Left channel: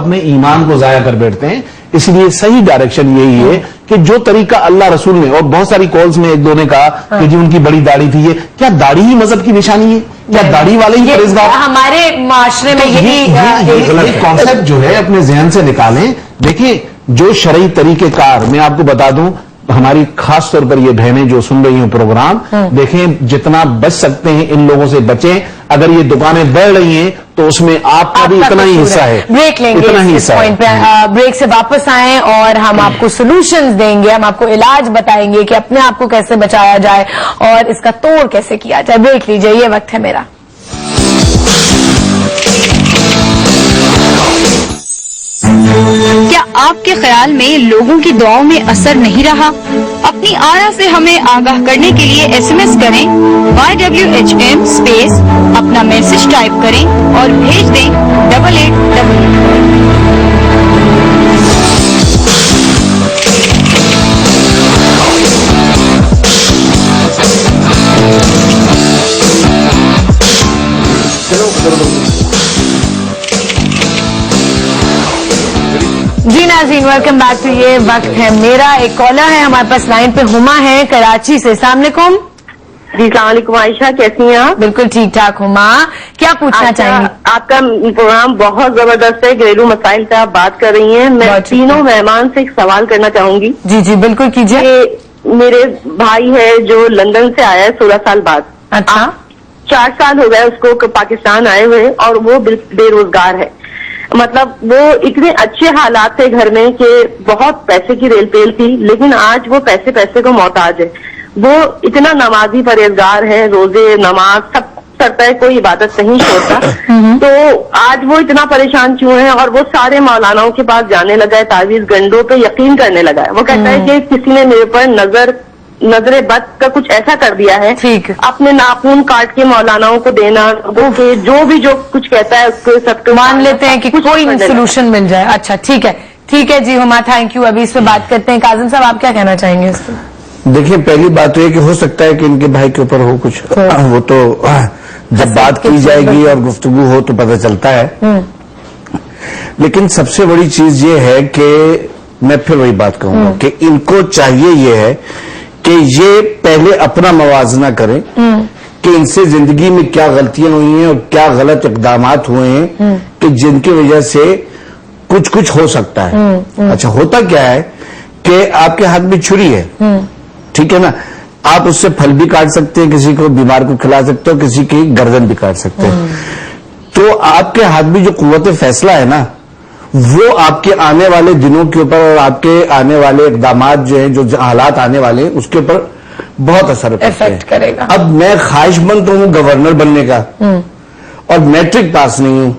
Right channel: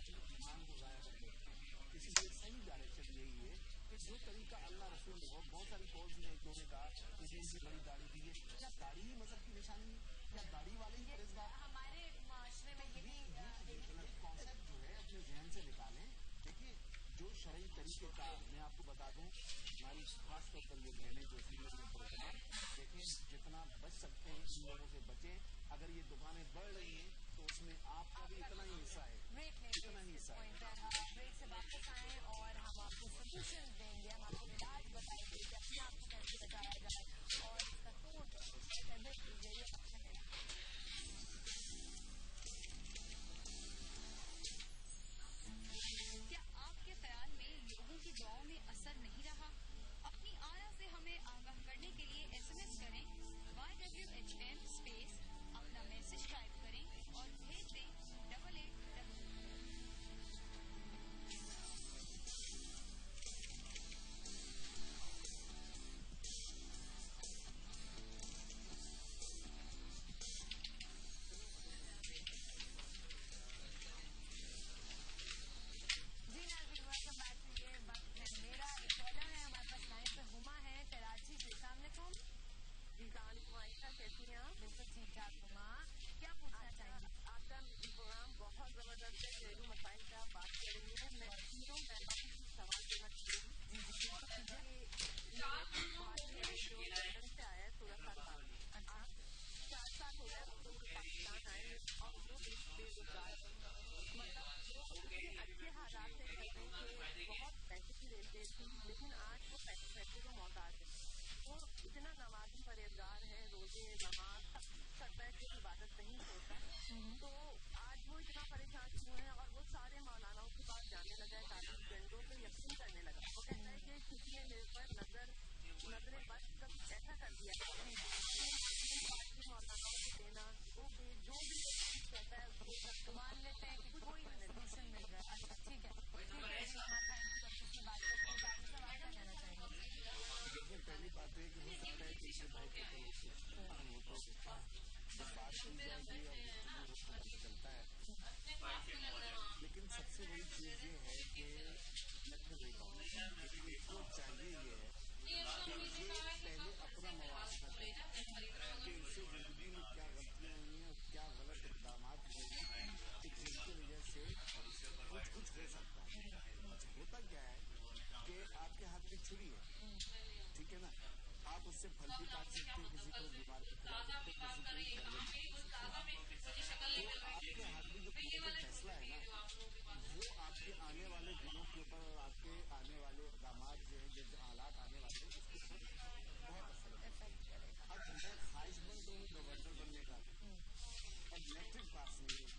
اپنے ایمان کو ضائع کر بیٹھتے ہیں. اس لیے صحیح ڈائریکشن یہی ہے کہ جو طریقہ اللہ رسول نے, اور بہت ساری کالز میں ایک دو نے کہا کہ جی ان کی بڑی داڑھی تھی, یہ کیا داڑھی ہی مذہب کی نشانی ہے؟ کیا داڑھی والے ہی پرہیزگار؟ ہمارے معاشرے میں یہی کانسیپٹ جو ہے اپنے ذہن سے نکالیں. دیکھیں جو شرعی طریقہ کار, میں آپ کو بتا دوں, ہماری خاص طور پر یہ بہنیں جو سن رہی ہیں پروگرام, دیکھیں جتنا بچ سکتے ہیں ان لوگوں سے بچیں. اگر یہ دکانیں بڑھ رہی ہیں تو اس میں آپ کا بھی اتنا ہی حصہ ہے. بریک لیں گے اس پوائنٹ پہ, بریک سے واپس آئیں اور ہم آپ کو سولوشنز دیں گے, ہم آپ کو علاج بتائیں گے کہ اپنے آپ کو کیسے بچایا جائے اور اس کا توڑ کیسے کیا جائے. بریک لیجئے, یہ وقت ہے میرا. کیا آپ کے خیال میں لوگوں کی دعاؤں میں اثر نہیں رہا؟ اپنی آرا سے ہمیں آگاہ کرنے کے لیے SMS کریں YWHM اسپیس, اپنا میسج ٹائپ کریں اور بھیج دیں 8888. جی ناظرین, ویلکم بیک ٹو یہ وقت ہے میرا. ایک کالر ہے ہمارے پاس لائن پہ, ہما ہے کراچی سے. السلام علیکم. جی السلام علیکم عائشہ, کیسی ہیں آپ؟ بالکل ٹھیک ٹھاک. ہما, کیا پوچھنا چاہیں گی؟ آپ کا پروگرام بہت زبردست ہے, گھریلو مسائل پہ آپ بات کر رہی ہیں. میں تینوں مہمان سے ایک سوال کرنا چاہوں گی. جی جی بالکل کیجیے. میرے بھائی ہے جو لندن سے آیا ہے 16 سال بعد. اچھا. 4 سال ہو گئے اس کو پاکستان آئے ہوئے, اور وہ بے روزگار ہے. مطلب وہ اتنے اچھے حالات تھے گھر میں کہ بہت پیسے کی ریل پیل تھی, لیکن آج وہ پیسے کو محتاج ہے. وہ اتنا نمازی پرہیزگار ہے, روزے نماز سب کرتا ہے, کوئی عبادت نہیں چھوڑتا. تو آج وہ اتنا پریشان کیوں ہے؟ اور وہ سارے مولاناؤں کے پاس جانے لگا ہے, تعویذ گنڈوں پہ یقین کرنے لگا ہے. وہ کہتا ہے کہ کسی نے میرے پر نظر بد کا کچھ ایسا کر دیا ہے, اپنے ناخون کاٹ کے مولاناؤں کو دینا, جو کچھ کہتا ہے اس کو سب کو مان لیتے ہیں کہ کوئی سولوشن مل جائے. اچھا ٹھیک ہے, ٹھیک ہے جی ہما, تھینک یو. ابھی اس پہ بات کرتے ہیں. کاظم صاحب آپ کیا کہنا چاہیں گے اس پہ؟ دیکھیں پہلی بات تو یہ کہ ہو سکتا ہے کہ ان کے بھائی کے اوپر ہو کچھ, وہ تو جب بات کی جائے گی اور گفتگو ہو تو پتہ چلتا ہے. لیکن سب سے بڑی چیز یہ ہے کہ میں پھر وہی بات کہوں گا کہ ان کو چاہیے یہ ہے کہ یہ پہلے اپنا موازنہ کریں کہ ان سے زندگی میں کیا غلطیاں ہوئی ہیں اور کیا غلط اقدامات ہوئے ہیں کہ جن کی وجہ سے کچھ ہو سکتا ہے. اچھا ہوتا کیا ہے کہ آپ کے ہاتھ میں چھری ہے, ٹھیک ہے نا, آپ اس سے پھل بھی کاٹ سکتے ہیں, کسی کو بیمار کو کھلا سکتے ہو, کسی کی گردن بھی کاٹ سکتے ہیں. تو آپ کے ہاتھ میں جو قوت فیصلہ ہے نا, وہ آپ کے آنے والے دنوں کے اوپر اور آپ کے آنے والے اقدامات جو ہیں, جو حالات آنے والے ہیں, اس کے اوپر بہت اثر کرے گا. اب میں خواہش مند تو ہوں گورنر بننے کا, اور میٹرک پاس نہیں ہوں,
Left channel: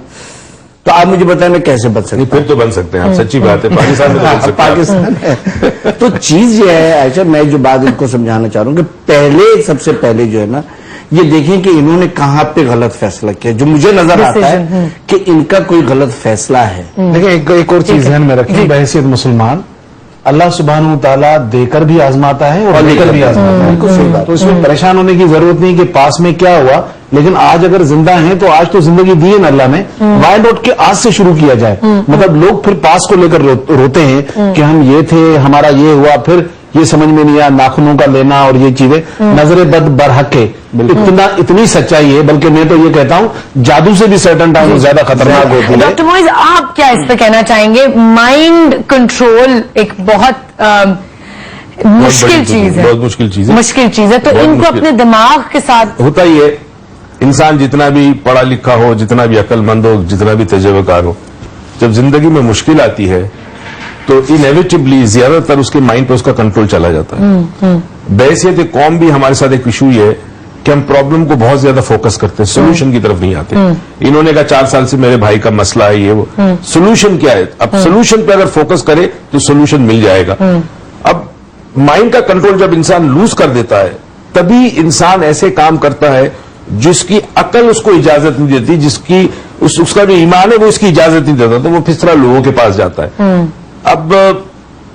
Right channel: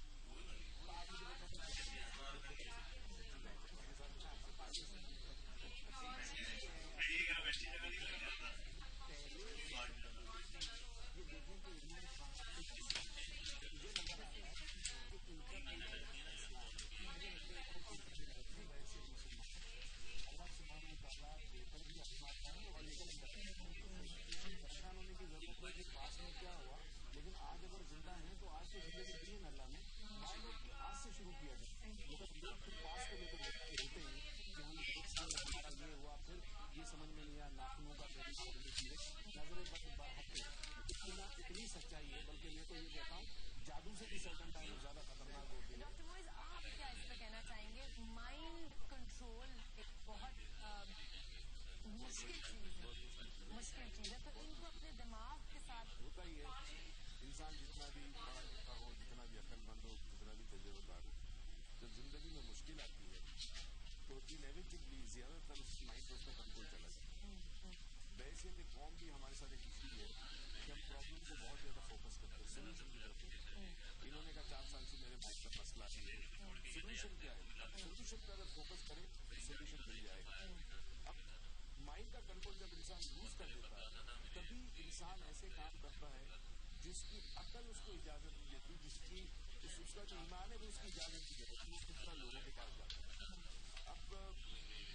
تو آپ مجھے بتائیں میں کیسے بچ سکتا ہوں؟ پھر تو بن سکتے ہیں آپ, سچی بات ہے, پاکستان میں تو پاکستان ہے. تو چیز یہ ہے عائشہ, میں جو بات ان کو سمجھانا چاہ رہا ہوں کہ سب سے پہلے جو ہے نا, یہ دیکھیں کہ انہوں نے کہاں پہ غلط فیصلہ کیا. جو مجھے نظر آتا ہے کہ ان کا کوئی غلط فیصلہ ہے. دیکھیں ایک اور چیز ذہن میں رکھیں, بحیثیت مسلمان اللہ سبحانہ وتعالیٰ دے کر بھی آزماتا ہے اور لے کر بھی آزماتا ہے. تو اس میں پریشان ہونے کی ضرورت نہیں کہ پاس میں کیا ہوا, لیکن آج اگر زندہ ہیں تو آج تو زندگی دی ہے نا اللہ نے, وائے نوٹ کے آج سے شروع کیا جائے. مطلب لوگ پھر پاس کو لے کر روتے ہیں کہ ہم یہ تھے, ہمارا یہ ہوا, پھر یہ سمجھ میں نہیں آیا ناخنوں کا لینا اور یہ چیزیں. نظر بد برحق ہے, اتنی سچائی ہے, بلکہ میں تو یہ کہتا ہوں جادو سے بھی سرٹن ٹائم زیادہ خطرناک ہوتی ہے. ڈاکٹر معیز آپ کیا اس پہ کہنا چاہیں گے؟ مائنڈ کنٹرول ایک بہت مشکل چیز ہے, بہت مشکل چیز ہے, تو ان کو اپنے دماغ کے ساتھ ہوتا ہی ہے. انسان جتنا بھی پڑھا لکھا ہو, جتنا بھی عقل مند ہو, جتنا بھی تجربہ کار ہو, جب زندگی میں مشکل آتی ہے تو انیویٹبلی زیادہ تر اس کے مائنڈ پہ اس کا کنٹرول چلا جاتا ہے. بحیثیت قوم بھی ہمارے ساتھ ایک ایشو یہ ہے کہ ہم پرابلم کو بہت زیادہ فوکس کرتے ہیں, سولوشن کی طرف نہیں آتے. انہوں نے کہا 4 سال سے میرے بھائی کا مسئلہ ہے, یہ وہ, سولوشن کیا ہے؟ اب سولوشن پہ اگر فوکس کرے تو سولوشن مل جائے گا. اب مائنڈ کا کنٹرول جب انسان لوز کر دیتا ہے, تبھی انسان ایسے کام کرتا ہے جس کی عقل اس کو اجازت نہیں دیتی, جس کی اس کا جو ایمان ہے وہ اس کی اجازت نہیں دیتا, تو وہ پھر طرح لوگوں کے پاس جاتا ہے. اب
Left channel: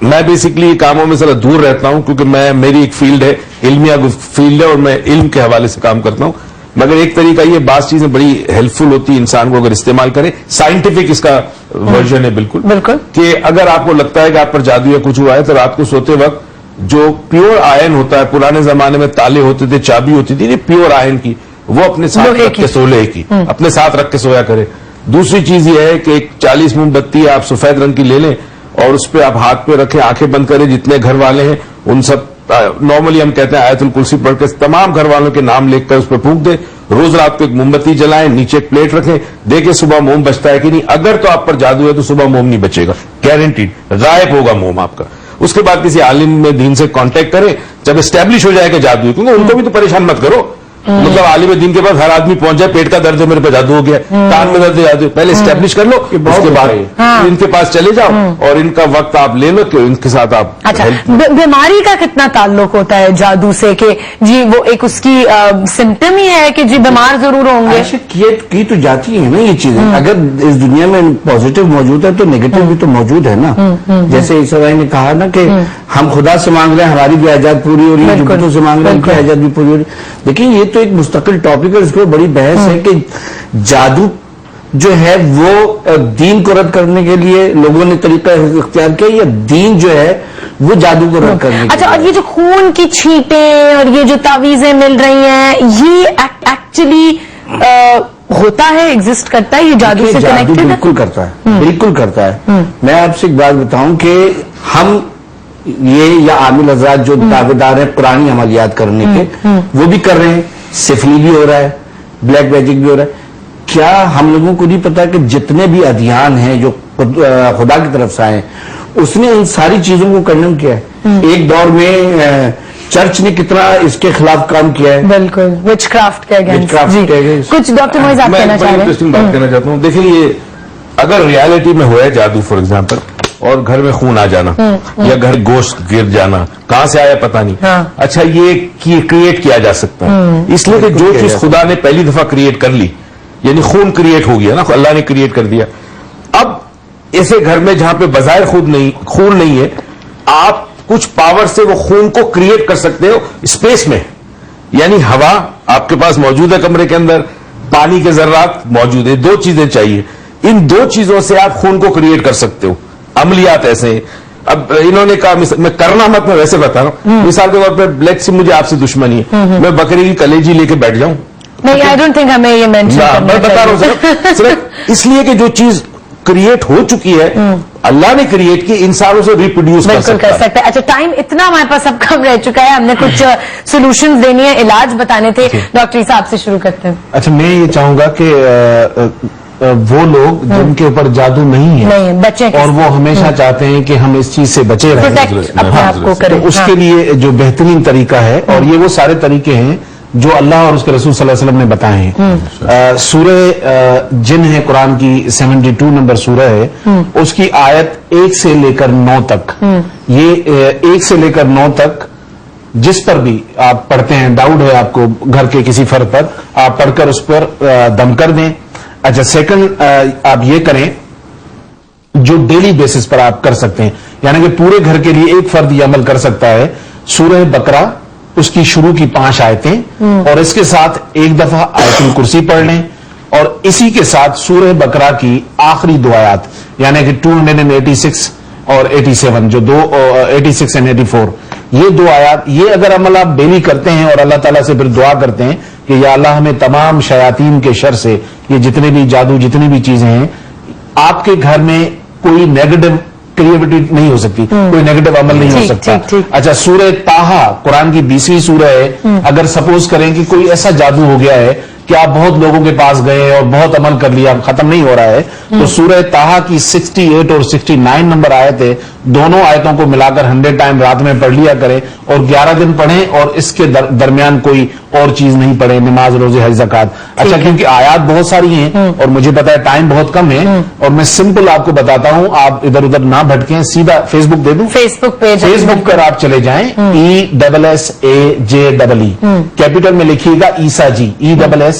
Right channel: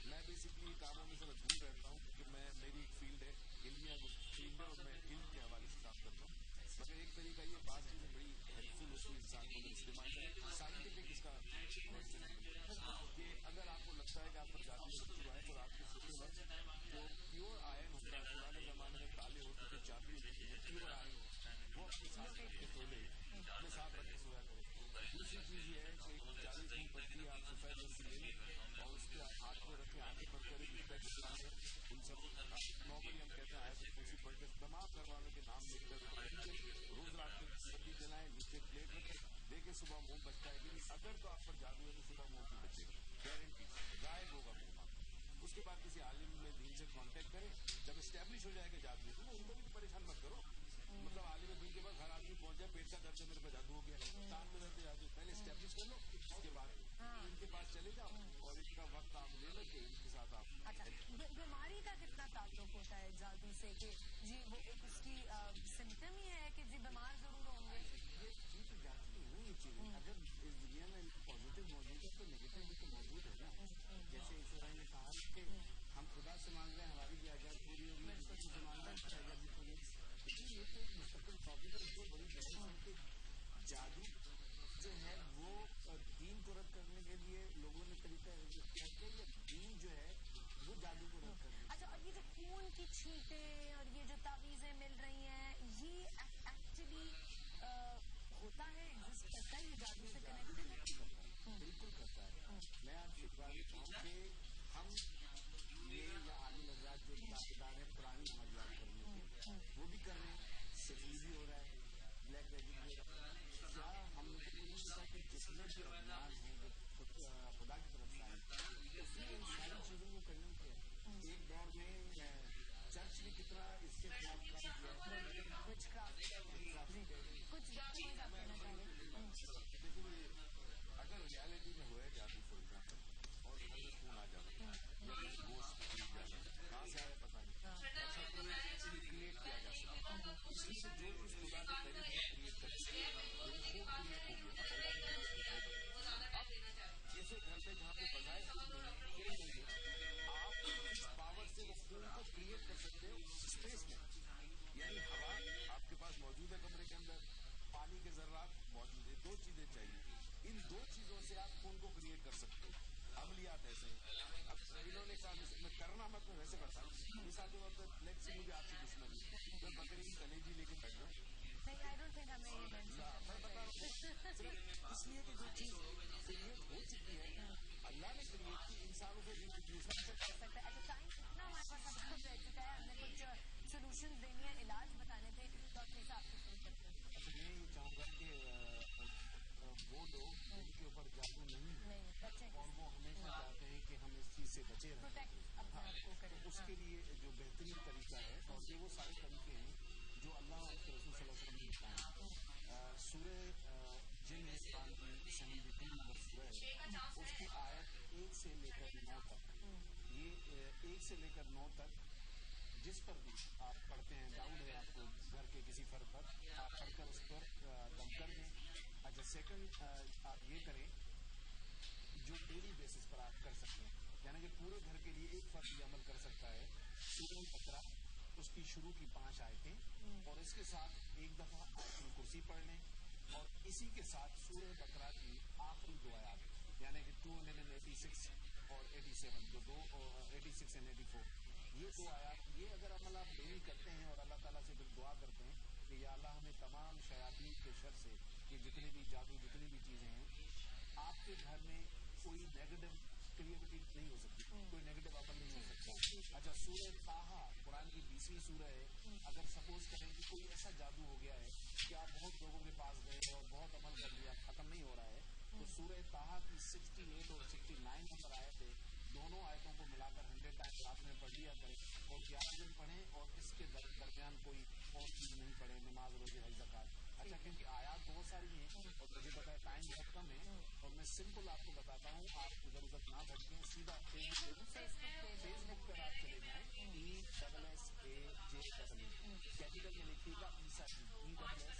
میں بیسکلی کاموں میں ذرا دور رہتا ہوں کیونکہ میری ایک فیلڈ ہے, علمیہ فیلڈ ہے, اور میں علم کے حوالے سے کام کرتا ہوں. मगर एक तरीका ये बात चीजें बड़ी हेल्पफुल होती है इंसान को अगर इस्तेमाल करे, साइंटिफिक इसका वर्जन है बिल्कुल बिल्कुल कि अगर आपको लगता है कि आप पर जादू या कुछ हुआ है तो रात को सोते वक्त जो प्योर आयन होता है, पुराने जमाने में ताले होते थे, चाबी होती थी, प्योर आयन की, वो अपने साथ लोहे रख के सोले की अपने साथ रख के सोया करे। दूसरी चीज ये है कि एक 40 मोमबत्ती आप सफेद रंग की ले लें और उस पर आप हाथ पे रखें, आंखें बंद करें, जितने घर वाले हैं उन सब नॉर्मली हम कहते हैं आयतुल कुर्सी पढ़ के तमाम घर वालों के नाम लिखकर उस पर फूंक दे। रोज रात को एक मोमबत्ती जलाएं, नीचे एक प्लेट रखें, देखें सुबह मोम बचता है कि नहीं। अगर तो आप पर जादू है तो सुबह मोम नहीं बचेगा, गारंटीड गायब होगा मोम आपका। उसके बाद किसी आलिम में दीन से कांटेक्ट करें जब एस्टेब्लिश हो जाएगा जादू है, क्योंकि उनको भी तो परेशान मत करो। मतलब आलिम दीन के पास हर आदमी पहुंच जाए, पेट का दर्द है मेरे पे जादू हो गया, कान में दर्द है जादू, पहले एस्टेब्लिश कर लो, उसके बाद इनके पास चले जाओ और इनका वक्त आप ले लो कि इनके साथ आप अच्छा बीमारी का कितना ताल्लुक होता है जादू से कि जी वो एक उसकी सिम्टम ही है कि जी बीमार जरूर होंगे? ऐसे की तो जाती है ना ये चीजें। अगर इस दुनिया में पॉजिटिव मौजूद है तो नेगेटिव भी तो मौजूद है ना। जैसे ईसा भाई ने कहा ना कि हम खुदा से मांग रहे हैं हमारी भी आजाद पूरी हो रही है, जुब्बतों से मांग रहे हैं उनकी आजाद भी पूरी हो रही है। लेकिन ये तो एक मुस्तकिल टॉपिक है, इस पर बड़ी बहस है कि जादू जो है वो दीन को रद्द करने के लिए लोगों ने तरीका इख्तियार किया या दीन जो है वो जादू को रद्द करने के अच्छा, और ये जो खून की छींटें और ये जो तावीजें मिल रही हैं ये एक्चुअली होता है, एग्जिस्ट करता है, ये जादू से कनेक्टेड है? बिल्कुल करता है, बिल्कुल करता है। मैं आपसे एक बात बताऊं कि हम ये या आमिल हजरात जो दावेदार हैं पुरानी अमलियात करने के वो भी कर रहे हैं, सिफली भी हो रहा है, ब्लैक मैजिक भी हो रहा है। क्या हम लोगों को नहीं पता कि जितने भी अध्ययन हैं जो खुदा की तरफ से आए उसने इन सारी चीजों को कंडेम किया है। एक दौर में चर्च ने कितना इसके खिलाफ काम किया है। बिल्कुल, विचक्राफ्ट के अगेंस्ट। कुछ डॉक्टर मोइज आप कहना चाह रहे हैं? इंटरेस्टिंग बात कहना चाहता हूँ। देखिए ये अगर रियलिटी में हुआ है जादू फॉर एग्जाम्पल और घर में खून आ जाना या घर गोश्त गिर जाना, कहां से आया पता नहीं। अच्छा ये क्रिएट किया जा सकता है इसलिए कि जो चीज खुदा ने पहली दफा क्रिएट कर ली, यानी खून क्रिएट हो गया ना, अल्लाह ने क्रिएट कर दिया। अब ऐसे घर में जहां पे बजाय खून नहीं है, आप कुछ पावर से वो खून को क्रिएट कर सकते हो स्पेस में, यानी हवा आपके पास मौजूद है कमरे के अंदर, पानी के जर्रात मौजूद है, दो चीजें चाहिए, इन दो चीजों से आप खून को क्रिएट कर सकते हो। अमलियात ऐसे हैं। अब इन्होंने कहा मैं करना मत, मैं वैसे बता रहा हूं, मिसाल के तौर पर ब्लैक से मुझे आपसे दुश्मनी है, मैं बकरी की कलेजी लेके बैठ जाऊं? नहीं, आई डोंट थिंक हमें ये मेंशन करना मैं बता रहा हूं सिर्फ इसलिए कि जो चीज क्रिएट हो चुकी है अल्लाह ने क्रिएट की, इंसानों से रिप्रोड्यूस कर सकता है। अच्छा, टाइम इतना हमारे पास अब कम रह चुका है, हमने कुछ सॉल्यूशंस देनी है, इलाज बताने थे। डॉक्टर ईसा आपसे शुरू करते हैं। अच्छा, मैं ये चाहूंगा कि वो लोग जिनके ऊपर जादू नहीं है बच्चे और वो हमेशा चाहते हैं कि हम इस चीज से बचे रहें, अपने आप को करें, तो उसके लिए जो बेहतरीन तरीका है, और ये वो सारे तरीके हैं जो अल्लाह और उसके रसूल सल्लल्लाहु अलैहि वसल्लम ने बताए हैं। सूरह जिन है कुरान की 72 नंबर सूरह है, उसकी आयत 1 से लेकर 9 तक, ये 1 से लेकर 9 तक जिस पर भी आप पढ़ते हैं, डाउट है आपको घर के किसी फर्द पर, आप पढ़कर उस पर दम कर दें। अच्छा, सेकंड आप ये करें जो डेली बेसिस पर आप कर सकते हैं, यानी कि पूरे घर के लिए एक फर्द ये अमल कर सकता है। सूरह बकरा उसकी शुरू की 5 आयतें और इसके साथ एक दफा आयतुल कुर्सी पढ़ लें, और इसी के साथ सूरह बकरा की आखिरी 2 आयत यानी कि 286 और 87, जो 86 एंड 84, ये 2 आयत, ये अगर अमल आप डेली करते हैं और अल्लाह ताला से फिर दुआ करते हैं कि या अल्लाह हमें तमाम शयातीन के शर से, ये जितने भी जादू जितनी भी चीजें हैं, आपके घर में कोई नेगेटिव क्रिएटिविटी नहीं हो सकती, कोई नेगेटिव अमल नहीं हो सकता। अच्छा, सूरह ताहा कुरान की 20वीं सूरह है। अगर सपोज करें कि कोई ऐसा जादू हो गया है कि आप बहुत लोगों के पास गए और बहुत अमल कर लिया, खत्म नहीं हो रहा है, तो सूरह ताहा की 68 और 69 नंबर आयत है, दोनों आयतों को मिलाकर 100 टाइम रात में पढ़ लिया करें और 11 दिन पढ़ें, और इसके दरमियान कोई और चीज नहीं पढ़े, नमाज, रोजे, हज, ज़कात। अच्छा, क्योंकि आयत बहुत सारी हैं और मुझे पता है टाइम बहुत कम है, और मैं सिंपल आपको बताता हूं, आप इधर उधर ना भटकें, सीधा फेसबुक दे दूं, फेसबुक पेज, फेसबुक पर आप चले जाएं, ESSAJEE, कैपिटल में लिखिएगा ईसा जी, ESSAJEE,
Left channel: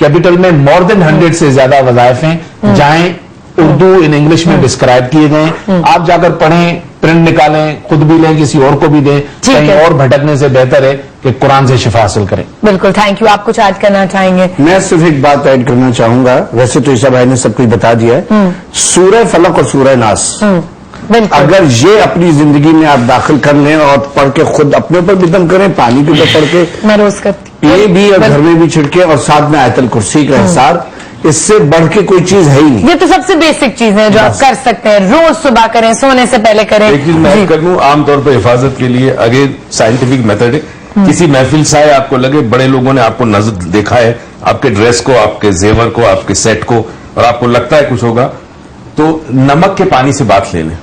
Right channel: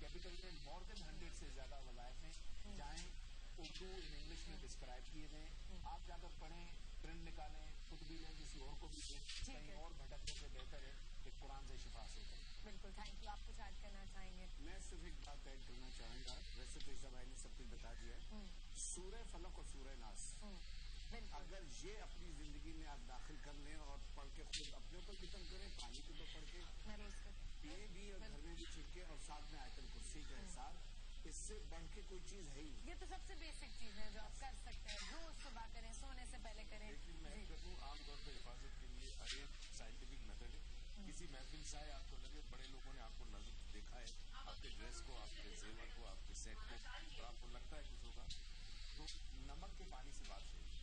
कैपिटल में मोर देन 100 से ज्यादा वज़ाइफ हैं, जाएं उर्दू इन इंग्लिश में डिस्क्राइब किए गए। आप जाकर पढ़ें, प्रिंट निकालें, खुद भी लें, किसी और को भी दें। ठीक कहीं है। और भटकने से बेहतर है कि कुरान से शिफा हासिल करें। बिल्कुल, थैंक यू। आप कुछ ऐड करना चाहेंगे? मैं सिर्फ एक बात ऐड करना चाहूंगा, वैसे तो ईसा भाई ने सब कुछ बता दिया है। सूरह फलक और सूरह नास, बिल्कुल। अगर ये अपनी जिंदगी में आप दाखिल कर लें और पढ़ के खुद अपने ऊपर भी दम करें, पानी के ऊपर पढ़ के, मैं रोज करती हूँ। ये भी और घर में भी छिड़के, और साथ में आयतल कुर्सी का हिसार, इससे बढ़ के कोई चीज है ही नहीं। ये तो सबसे बेसिक चीज है जो आप कर सकते हैं, रोज सुबह करें, सोने से पहले करें। एक चीज मैं जी। ऐड कर दूं, आमतौर पर हिफाजत के लिए अगेन साइंटिफिक मेथड है। किसी महफिल से आए, आपको लगे बड़े लोगों ने आपको नजर देखा है, आपके ड्रेस को, आपके जेवर को, आपके सेट को, और आपको लगता है कुछ होगा, तो नमक के पानी से बात ले लें।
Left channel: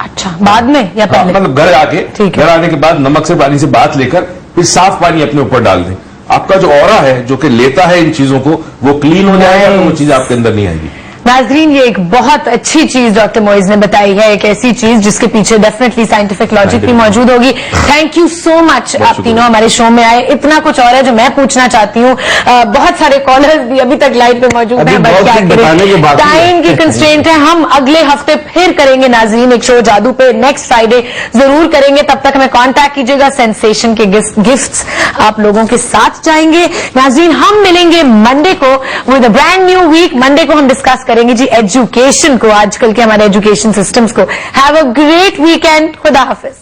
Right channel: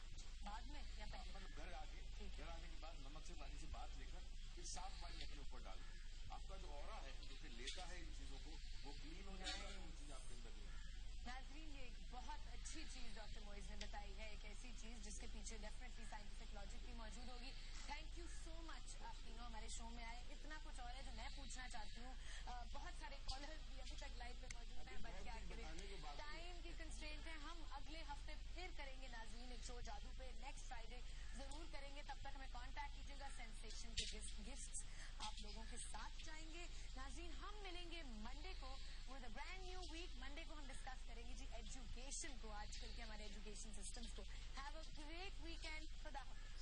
अच्छा, बाद में या हाँ, पहले? मतलब घर आके, ठीक है। घर आने के बाद नमक से पानी से बात लेकर फिर साफ पानी अपने ऊपर डाल दें। आपका जो ऑरा है, जो कि लेता है इन चीजों को, वो क्लीन हो जाएगा, तो वो चीज आपके अंदर नहीं आएगी। नाजरीन, ये एक बहुत अच्छी चीज डॉक्टर मोइज ने बताई है, एक ऐसी चीज जिसके पीछे डेफिनेटली साइंटिफिक लॉजिक भी मौजूद होगी। थैंक यू सो मच, आप तीनों हमारे शो में आए। इतना कुछ और है जो मैं पूछना चाहती हूँ। बहुत सारे कॉलर्स भी अभी तक लाइन पे मौजूद अभी हैं, बहुत बट क्या कुछ बताने के बाकी है। टाइम की कंस्ट्रेंट है। हम अगले हफ्ते फिर करेंगे नाजरीन एक शो जादू पे, नेक्स्ट फ्राइडे जरूर करेंगे। तब तक हमें कांटेक्ट कीजिएगा, सेंसेशन के गिफ्ट्स आप लोगों के साथ जाएंगे। नाजरीन, हम मिलेंगे मंडे को with a brand new week. Monday को हम डिस्कस करेंगे जी एजुकेशन को, आजकल के हमारे एजुकेशन सिस्टम्स को। Have a great weekend. खुदा हाफिज।